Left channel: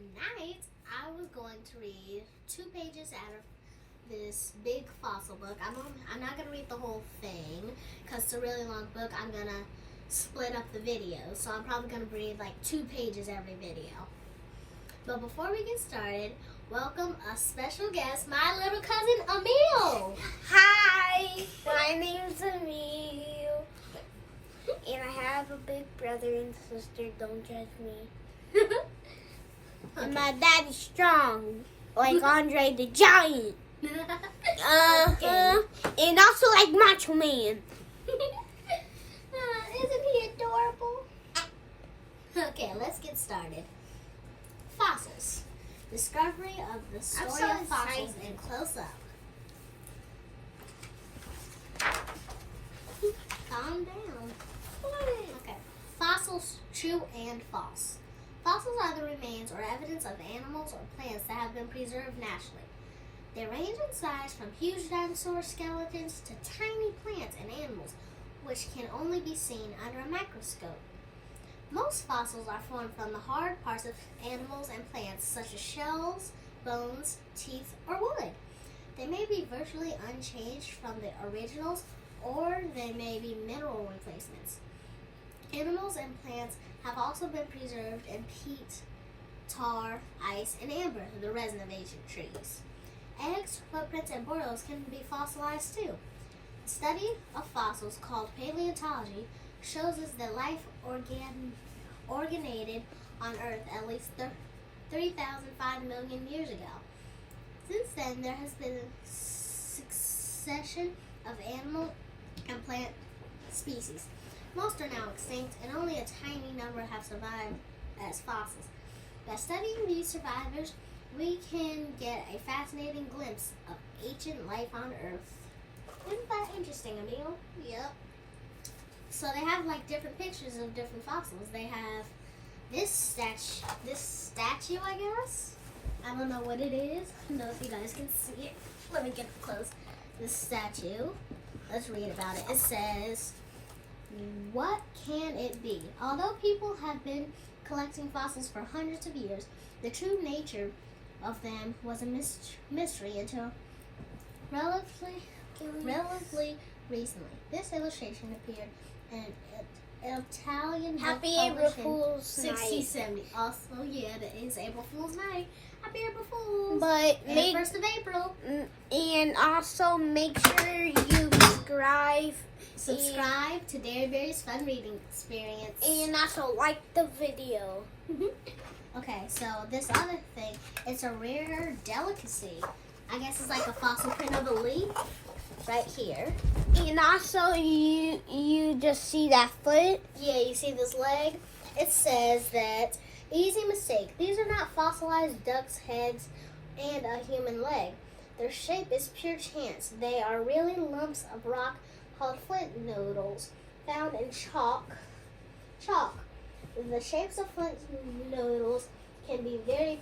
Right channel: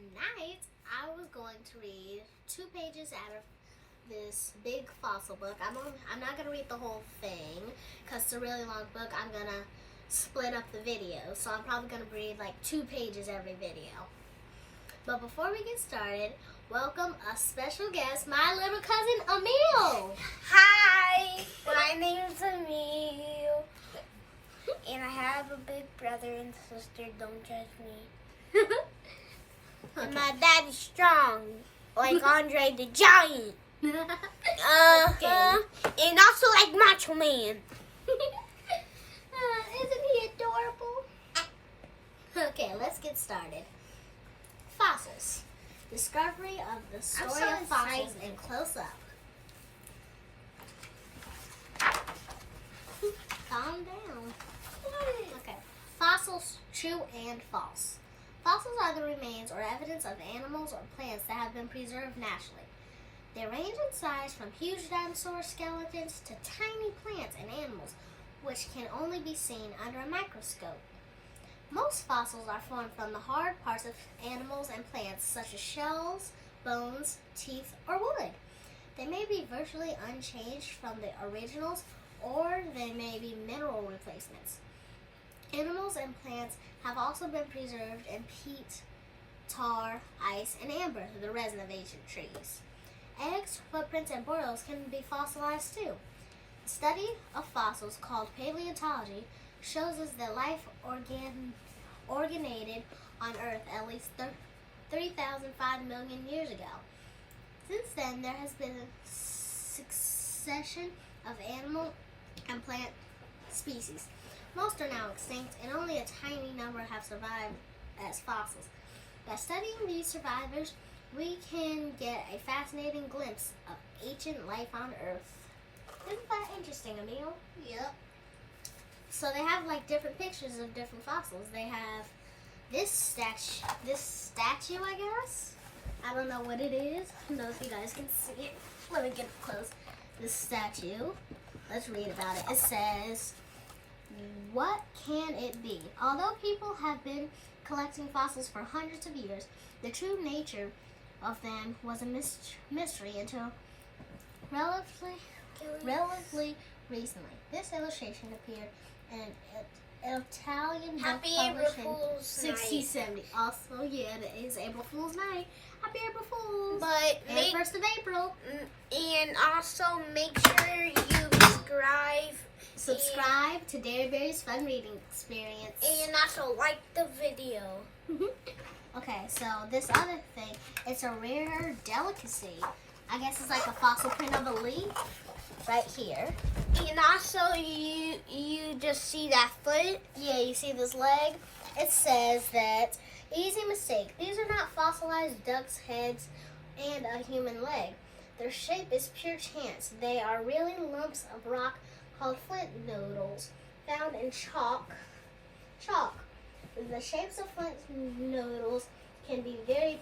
tonight I was going to read 2 pages out of this big fossil book. I'm not going to read the whole thing because it's a really long book. I'm going to split up the video. So I'm probably going to read like 2 pages every video. But before we get started, welcome a special guest, my little cousin Emil. Hi, my name's Emil. And I have a big brother and sister, don't judge me. And my dad is strong, like Andre the Giant. And also like Macho Man. Isn't he adorable? Okay, let's get started. Fossils. Discovery of the story of fossils in close up. Calm down. Okay. Fossils, true and false. Fossils are the remains or evidence of animals or plants that have been preserved naturally. They range in size from huge dinosaur skeletons to tiny plants and animals, which can only be seen under a microscope. Most fossils are formed from the hard parts of animals and plants, such as shells, bones, teeth, or wood. They may be virtually unchanged from the originals, or they may be mineral replacements. Animals and plants have also been preserved in peat, tar, ice, and amber, the resin of ancient trees. Eggs, footprints, and boils can be fossilized too. The study of fossils, called paleontology, shows us that life originated on Earth at least 3,005 million years ago. Since then, there has been a succession of animal and plant species. Most are now extinct, and only a tiny number have survived as fossils. By studying these survivors, we can get a fascinating glimpse of ancient life on Earth. Isn't that interesting, Emil? Yep. So they have like different pictures of different fossils. They have this statue, I guess. I don't know what it is. I don't know if you guys can see it. Let me get up close. This statue. Let's read about it. It says, "What can it be? Although people have been collecting fossils for hundreds of years, the true nature of them was a mystery until relatively recently. This illustration appeared in an Italian book Happy published April in Fool's Night. 1670. Also, yeah, it is April Fool's Night. Happy April Fool's! But And 1st of April. And also make sure you Subscribe to Dairy Berry's Fun Reading Experience. and also like the video. Okay, so this other thing, it's a rare delicacy. I guess it's like a fossil print of a leaf right here. And also you just see that foot. Yeah, you see this leg? It says that, easy mistake, these are not fossilized ducks' heads and a human leg. Their shape is pure chance. They are really lumps of rock called flint noodles found in chalk. The shapes of flint noodles can be very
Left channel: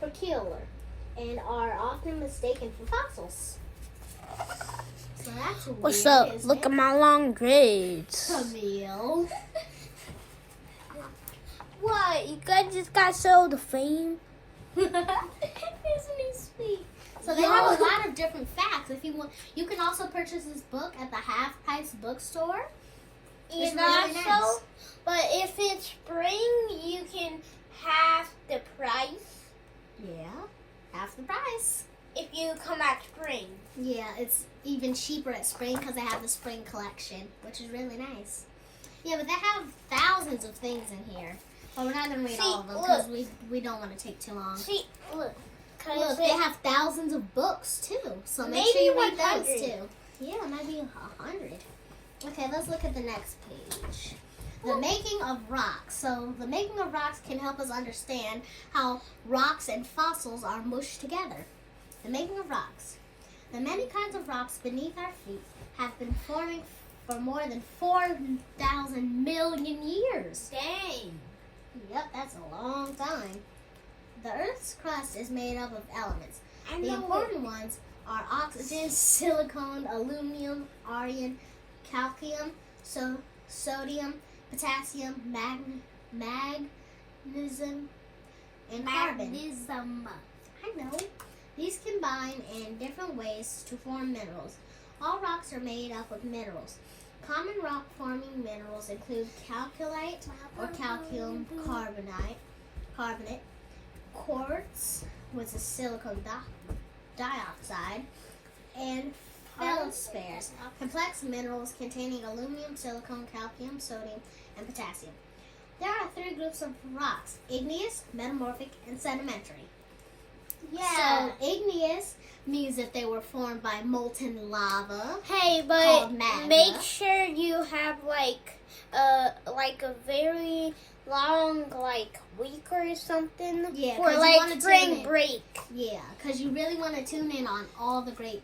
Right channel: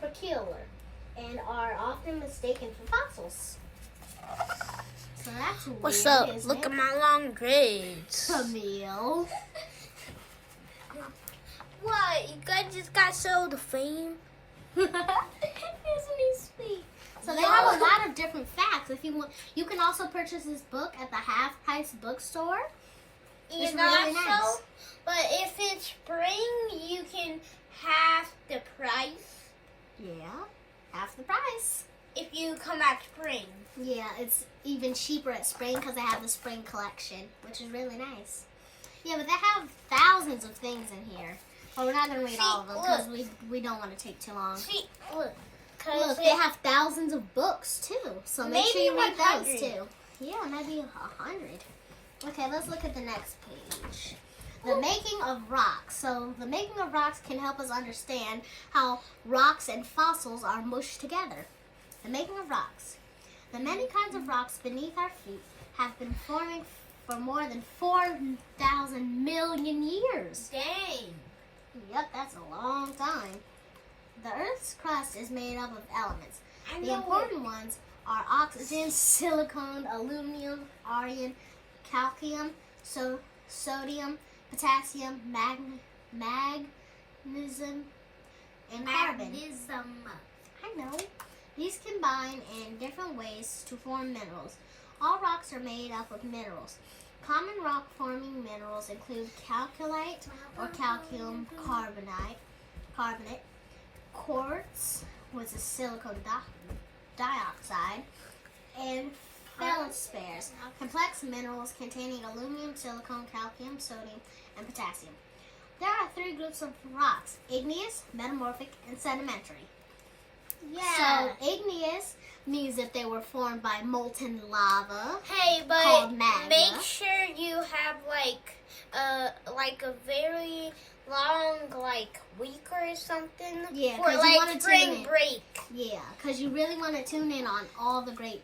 peculiar and are often mistaken for fossils. So that's weird. What's up? Look at my long dreads. Emil. What? You guys just got sold to fame? Isn't he sweet? So they have a lot of different facts. If you want, you can also purchase this book at the Half Price bookstore. It's really nice. But if it's spring, you can half the price. Yeah, half the price. If you come at spring. Yeah, it's even cheaper at spring because they have the spring collection, which is really nice. Yeah, but they have thousands of things in here. But we're not going to read all of them because we don't want to take too long. See, look. Look, they have thousands of books too, so make sure you read those too. Yeah, maybe 100. Okay, let's look at the next page. The making of rocks. So the making of rocks can help us understand how rocks and fossils are mushed together. The making of rocks. The many kinds of rocks beneath our feet have been forming for more than 4,000 million years. Dang. Yep, that's a long time. The Earth's crust is made up of elements. The important ones are oxygen, silicon, aluminum, iron, calcium, sodium, potassium, magnesium, and carbon. Magnetism. I know. These combine in different ways to form minerals. All rocks are made up of minerals. Common rock-forming minerals include calcolite or calcium carbonate, quartz, which is silicon dioxide, and feldspares, complex minerals containing aluminum, silicon, calcium, sodium, and potassium. There are 3 groups of rocks: igneous, metamorphic, and sedimentary. Yeah. So igneous means that they were formed by molten lava. Hey, called but magma. make sure you have like a very long week or something. Yeah, for 'cause you wanna spring tune in. break. Yeah, because you really want to tune in on all the great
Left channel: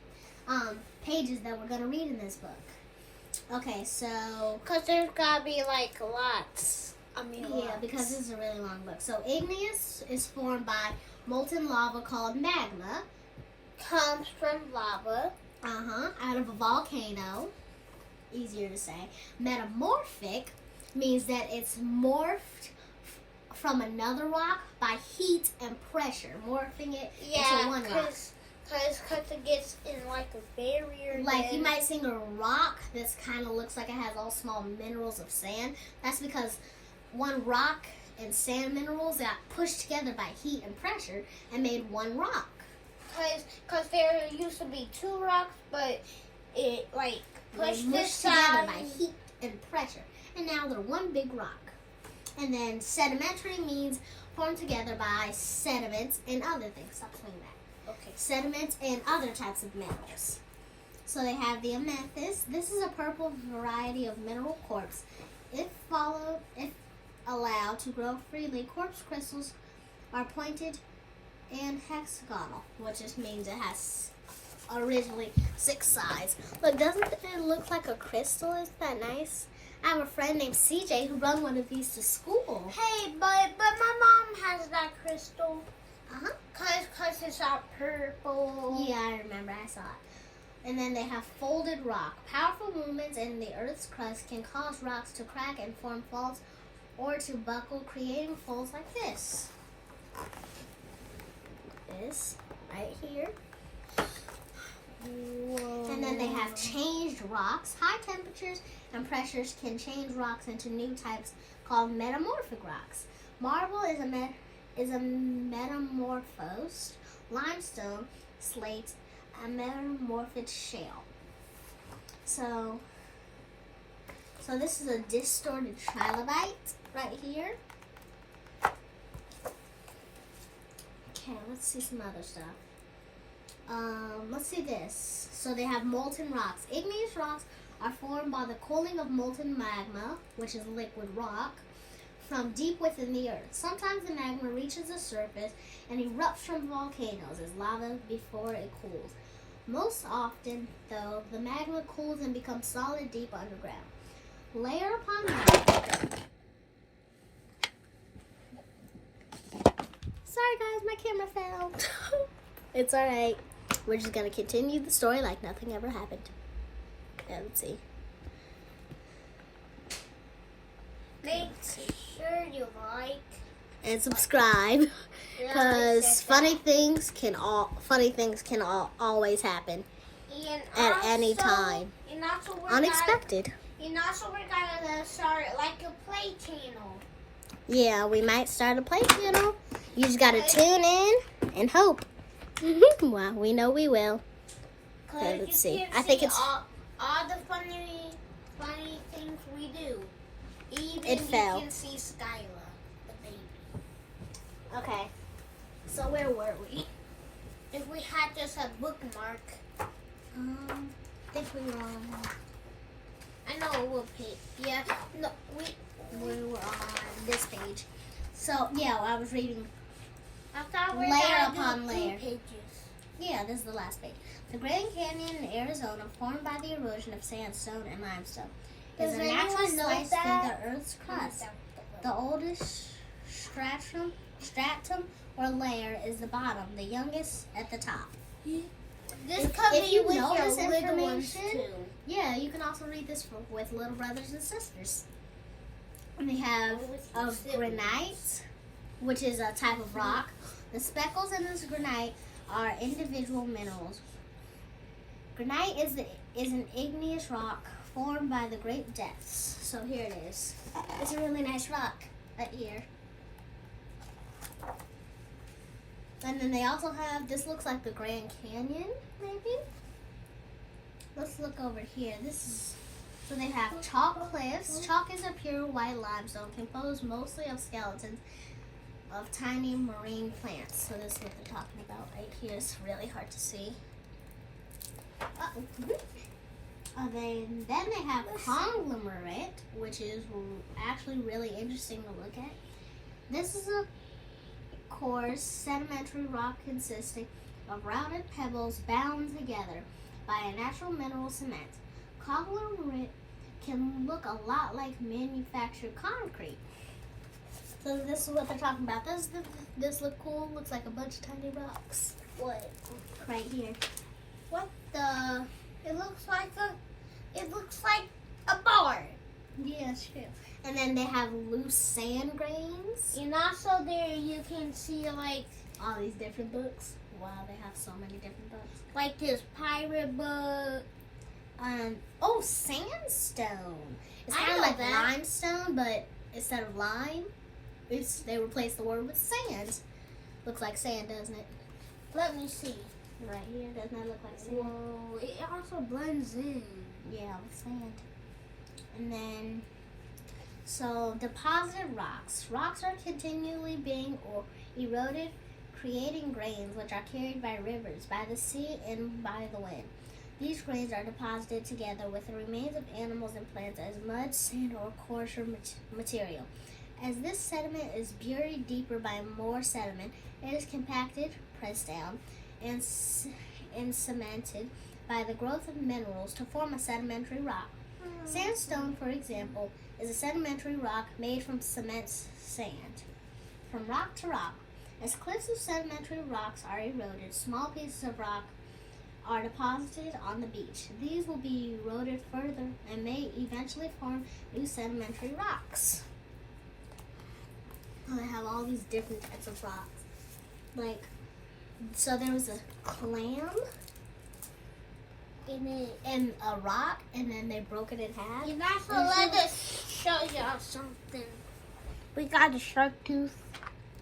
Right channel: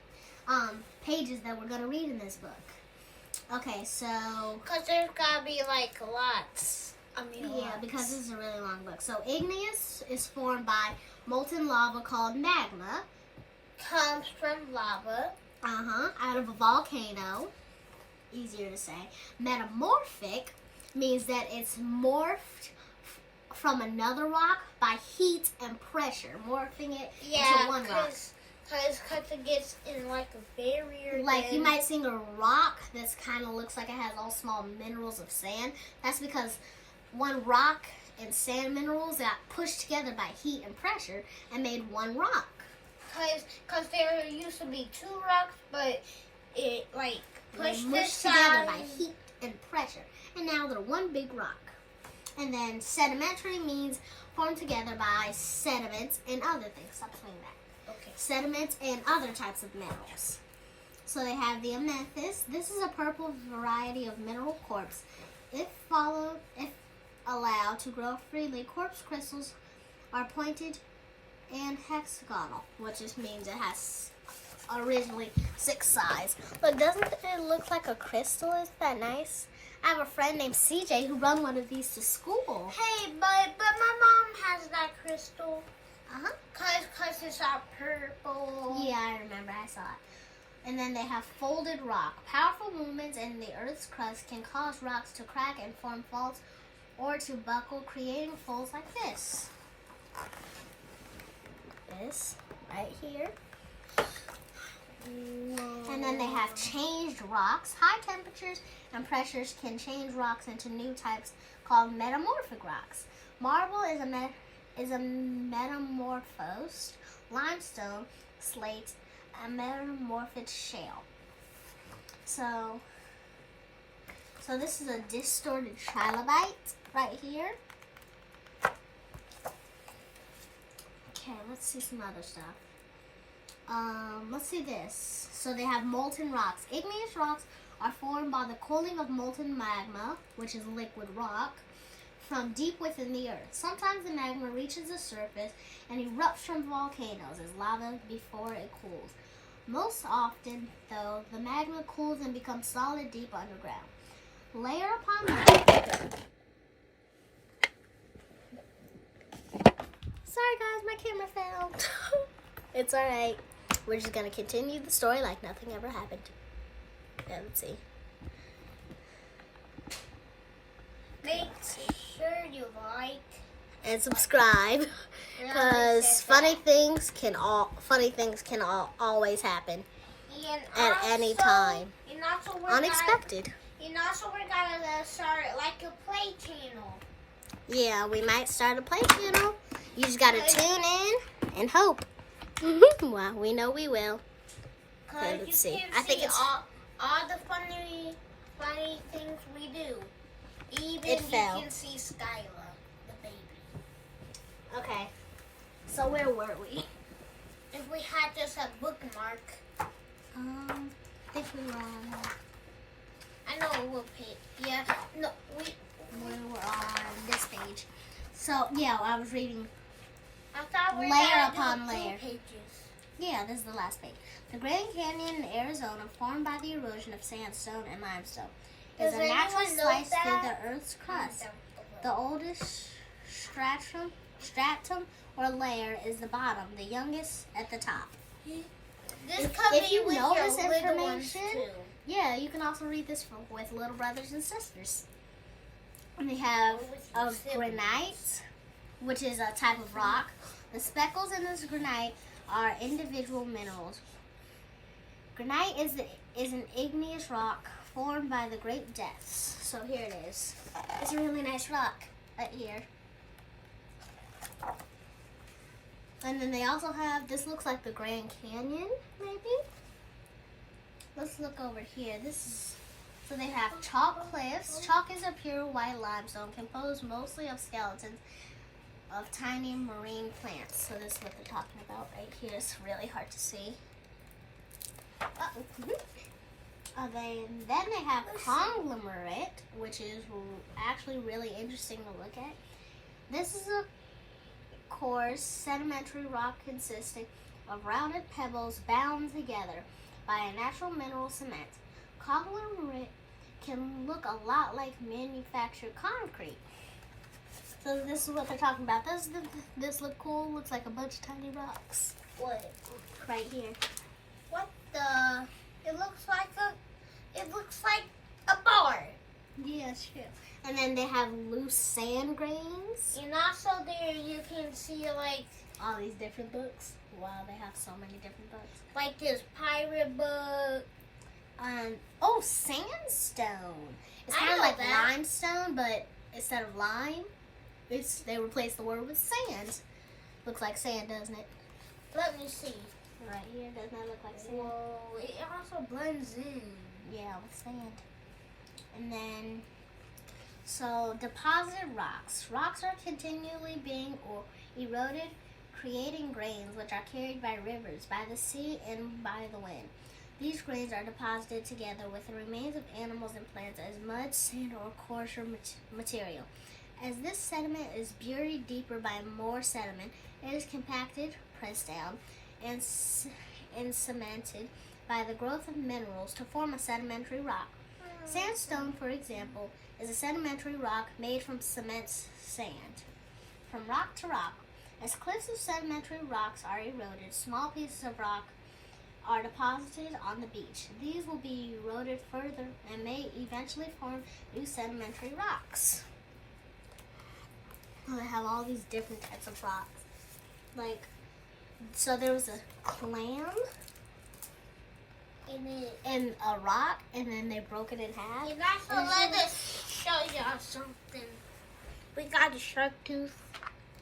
pages that we're going to read in this book. Okay, so... Because there's gotta be lots. Yeah, because this is a really long book. So igneous is formed by molten lava called magma. Comes from lava. Out of a volcano. Easier to say. Metamorphic means that it's morphed from another rock by heat and pressure, morphing it into one rock. Because it gets in a barrier. Like you might see a rock that's kind of looks like it has all small minerals of sand. That's because one rock and sand minerals got pushed together by heat and pressure and made one rock. Because there used to be 2 rocks, but it They pushed mushed together by heat and pressure, and now they're one big rock. And then sedimentary means formed together by sediments and other things. Stop saying that. Okay. Sediments and other types of minerals. So they have the amethyst. This is a purple variety of mineral quartz. If allowed to grow freely, quartz crystals are pointed and hexagonal, which just means it has originally 6 sides. But doesn't it look like a crystal? Isn't that nice? I have a friend named CJ who brought one of these to school. Hey, but my mom has that crystal. Cause it's all purple. Yeah, I remember. I saw it. And then they have folded rock. Powerful movements in the Earth's crust can cause rocks to crack and form faults or to buckle, creating folds like this. This right here. Whoa. And then they have changed rocks. High temperatures and pressures can change rocks into new types called metamorphic rocks. Marble is a metamorphosed limestone, slate, a metamorphic shale. So this is a distorted trilobite right here. Okay, let's see some other stuff. Let's see this. So they have molten rocks. Igneous rocks are formed by the cooling of molten magma, which is liquid rock, from deep within the earth. Sometimes the magma reaches the surface and erupts from volcanoes as lava before it cools. Most often, though, the magma cools and becomes solid deep underground. Layer upon layer. Sorry guys, my camera fell. It's alright. We're just going to continue the story like nothing ever happened. Yeah, let's see. Make sure you like And subscribe, because funny things can always happen at any time. And also Unexpected. we're gonna start a play channel. Yeah, we might start a play channel. You just gotta tune in and hope. Well, we know we will. Okay, let's see. I think it's all the funny things we do. Even It you fell. can see Skyla, the baby. okay. So where were we? If we had just a bookmark, I think we were on. I know it would pay. Yeah, no, We were on this page. So yeah, I was reading. I thought we were Layer gonna do upon 2 layer. pages. Yeah, this is the last page. The Grand Canyon in Arizona, formed by the erosion of sandstone and limestone, is Does a natural anyone know slice through that? the Earth's crust. Down The below. oldest stratum or layer is the bottom, the youngest at the top. This If could be you with know your this little ones information, too. Yeah, you can also read this with little brothers and sisters. And we have With your of siblings. granite, which is a type of rock. The speckles in this granite are individual minerals. Granite is an igneous rock formed by the great depths. So here it is. It's a really nice rock right here. And then they also have, this looks like the Grand Canyon, maybe? Let's look over here. So they have chalk cliffs. Chalk is a pure white limestone composed mostly of skeletons of tiny marine plants. So this is what they're talking about right here. It's really hard to see. Then they have conglomerate, which is actually really interesting to look at. This is a coarse sedimentary rock consisting of rounded pebbles bound together by a natural mineral cement. Conglomerate can look a lot like manufactured concrete. So this is what they're talking about. Does this look cool? Looks like a bunch of tiny rocks. What? Right here. What the? It looks like a bar. Yeah, true. And then they have loose sand grains. And also there you can see like All these different books. Wow, they have so many different books. this pirate book. Sandstone. It's I kind of know like that. limestone, but instead of lime, they replaced the word with sand. Looks like sand, doesn't it? Let me see. Right here, doesn't it look like sand? Whoa, it also blends in. Yeah, with sand. And then, so deposited rocks. Rocks are continually being eroded, creating grains which are carried by rivers, by the sea, and by the wind. These grains are deposited together with the remains of animals and plants as mud, sand, or coarser material. As this sediment is buried deeper by more sediment, it is compacted, pressed down, and cemented by the growth of minerals to form a sedimentary rock. Sandstone, for example, is a sedimentary rock made from cement sand. From rock to rock, as cliffs of sedimentary rocks are eroded, small pieces of rock are deposited on the beach. These will be eroded further and may eventually form new sedimentary rocks. Oh, they have all these different types of rocks. So there was a clam and a rock, and then they broke it in half. And also let us show y'all something. We got a shark tooth.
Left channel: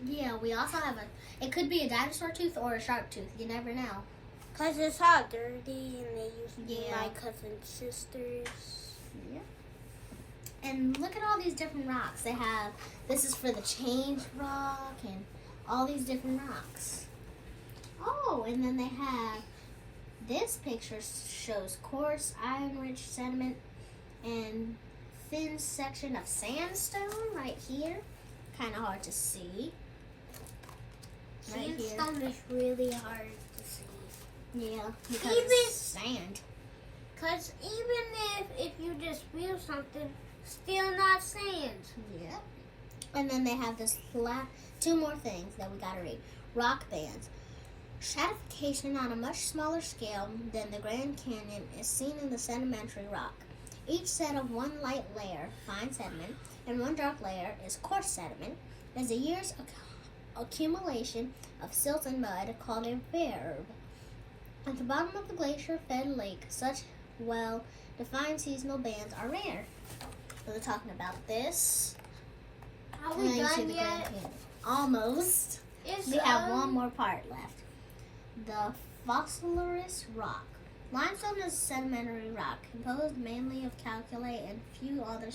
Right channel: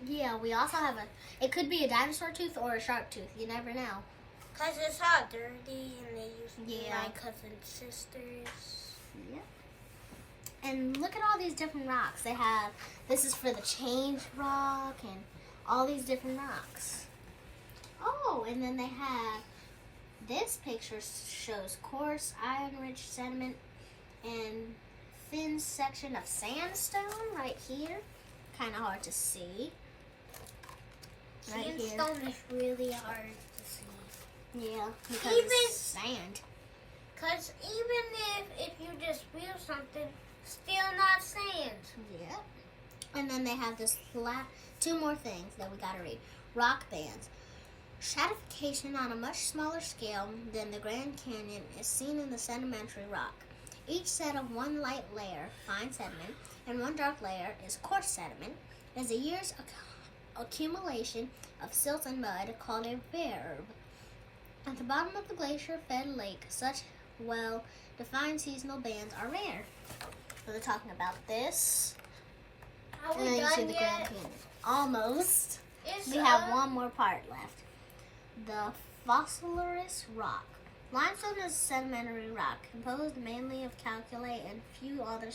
Yeah, we also have it could be a dinosaur tooth or a shark tooth. You never know. Because it's all dirty and they used to be Yeah. my cousin's sisters. Yeah. And look at all these different rocks. They have, this is for the change rock and all these different rocks. Oh, and then they have, this picture shows coarse, iron-rich sediment and thin section of sandstone right here. Kind of hard to see. Right here. Sandstone is really hard to see. Yeah, because Even- it's sand. Because even if you just feel something, still not sand. Yeah. And then they have this two more things that we gotta read. Rock bands. Stratification on a much smaller scale than the Grand Canyon is seen in the sedimentary rock. Each set of one light layer, fine sediment, and one dark layer is coarse sediment, is a year's accumulation of silt and mud called a verb. At the bottom of the glacier-fed lake, such well-defined seasonal bands are rare. So they're talking about this. Are And then we you see done the Grand yet? Canyon. Almost. It's, We have one more part left. The fossiliferous rock. Limestone is a sedimentary rock composed mainly of calcite and a few other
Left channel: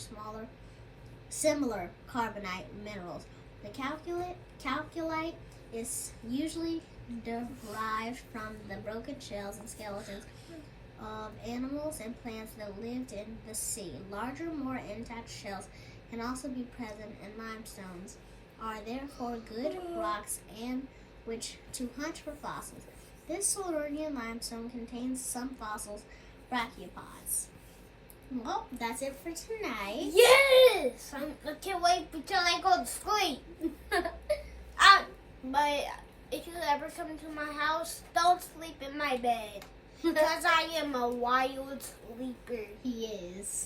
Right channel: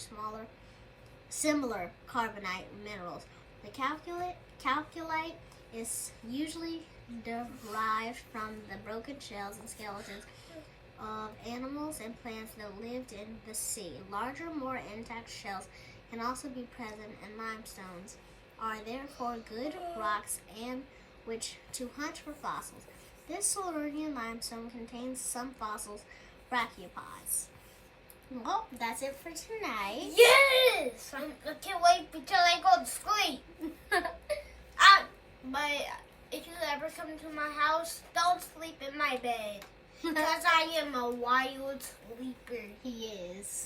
similar carbonate minerals. The calcite is usually derived from the broken shells and skeletons of animals and plants that lived in the sea. Larger, more intact shells can also be present in limestones, are therefore good rocks and which to hunt for fossils. This Silurian limestone contains some fossils, brachiopods. Well, that's it for tonight. Yes! I can't wait until I go to sleep. But if you ever come to my house, don't sleep in my bed. Because I am a wild sleeper. He is.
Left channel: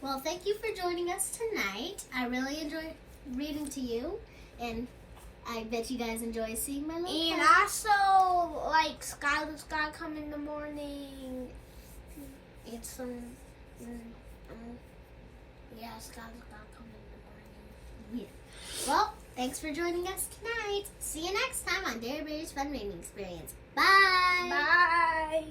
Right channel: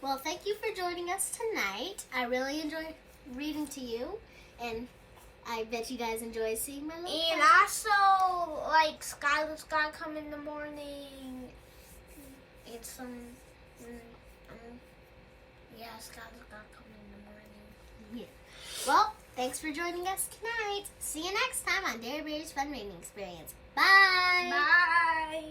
Well, thank you for joining us tonight. I really enjoyed reading to you, and I bet you guys enjoy seeing my little And pet. also, like, Skylar's gotta come in the morning. It's yeah, Skylar's gotta come in the morning. Well, thanks for joining us tonight. See you next time on Dairy Bear's Fun Reading Experience. Bye. Bye.